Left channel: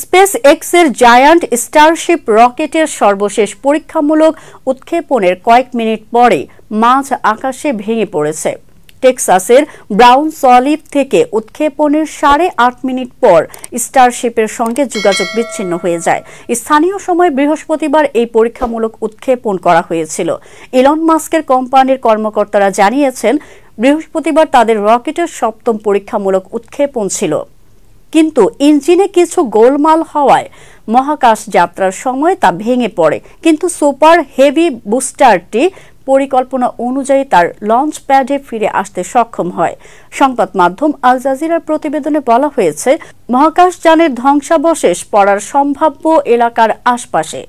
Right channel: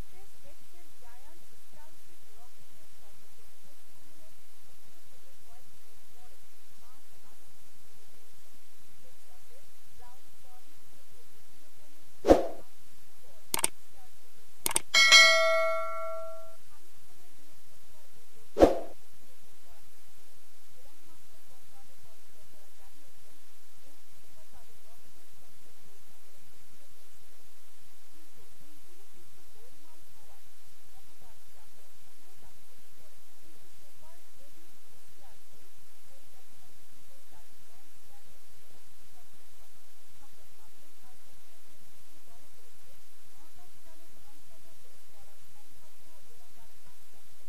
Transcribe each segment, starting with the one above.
Space এক্সের giant Starship রকেটের সর্বশেষ পরীক্ষামূলক উৎক্ষেপণের কয়েক মিনিট পরে মাঝ আকাশে ভেঙে পড়েছে। টেক্সাসের ব্রাউনস অলিভ থেকে উৎক্ষেপণের 8.5 মিনিট পর স্টারশিপের সঙ্গে যোগাযোগ বিচ্ছিন্ন হয়ে যায়। স্থানীয় সময় বৃহস্পতিবার এই পরীক্ষামূলক উৎক্ষেপণ করা হয়েছিল। ইলন মাস্কের কোম্পানির কর্মকর্তারা জানিয়েছেন, বৃহস্পতিবার তাদের রকেটের 7ম পরীক্ষামূলক উৎক্ষেপণ ছিল, কিন্তু ইঞ্জিনে কিছু গোলমাল হওয়ায় মহাকাশ যাত্রার সময় তা ভেঙে পড়ে। কিন্তু সুপার হেভি বুস্টারটি পরিকল্পনা অনুযায়ী তার লঞ্চ প্যাডে ফিরে আসতে সক্ষম হয়। সংবাদ মাধ্যম আল জাজিরার প্রতিবেদনে বলা হয়েছে, মহাকাশযানের ধ্বংসাবশেষ পড়ার সম্ভাব্য এলাকার আশপাশে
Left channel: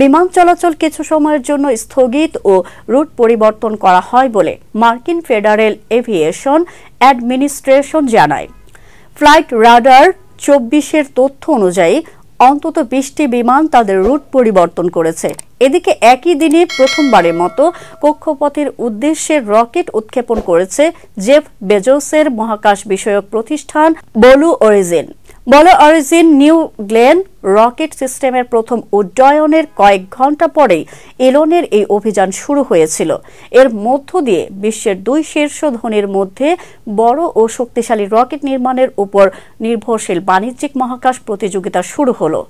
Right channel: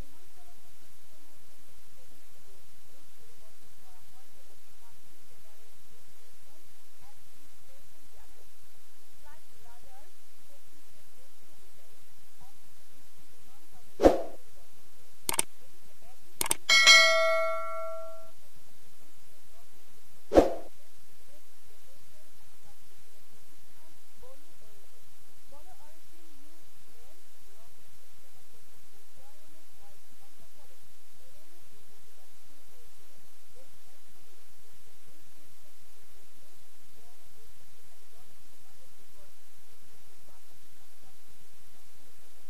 বিমান চলাচল কিছু সময়ের জন্য স্থগিত ও রুট পরিবর্তন করা হয় বলে মার্কিন ফেডারেল এভিয়েশন অ্যাডমিনিস্ট্রেশন জানায়। ফ্লাইট রাডার 24-এর তথ্য অনুযায়ী অন্তত 20টি বিমান তাদের রুট পরিবর্তন করেছে। এদিকে একই দিনে প্রথমবারের মতো কক্ষপথের উদ্দেশ্যে রকেট উৎক্ষেপণ করেছে জেফ বেজোসের মহাকাশ বিষয়ক প্রতিষ্ঠান blue origin. Blue origin new Glenn rocket সিস্টেমের প্রথম উড্ডয়নের কয়েক ঘন্টা পরেই ইলনের এই অভিযান শুরু হয়েছিল। এর মধ্য দিয়ে বিশ্বের 2 শীর্ষ ধনীর মধ্যে বড় ও শক্তিশালী রকেট নির্মাণের উপর নির্ভরশীল বাণিজ্যিক মহাকাশ প্রতিযোগিতা শুরু হলো।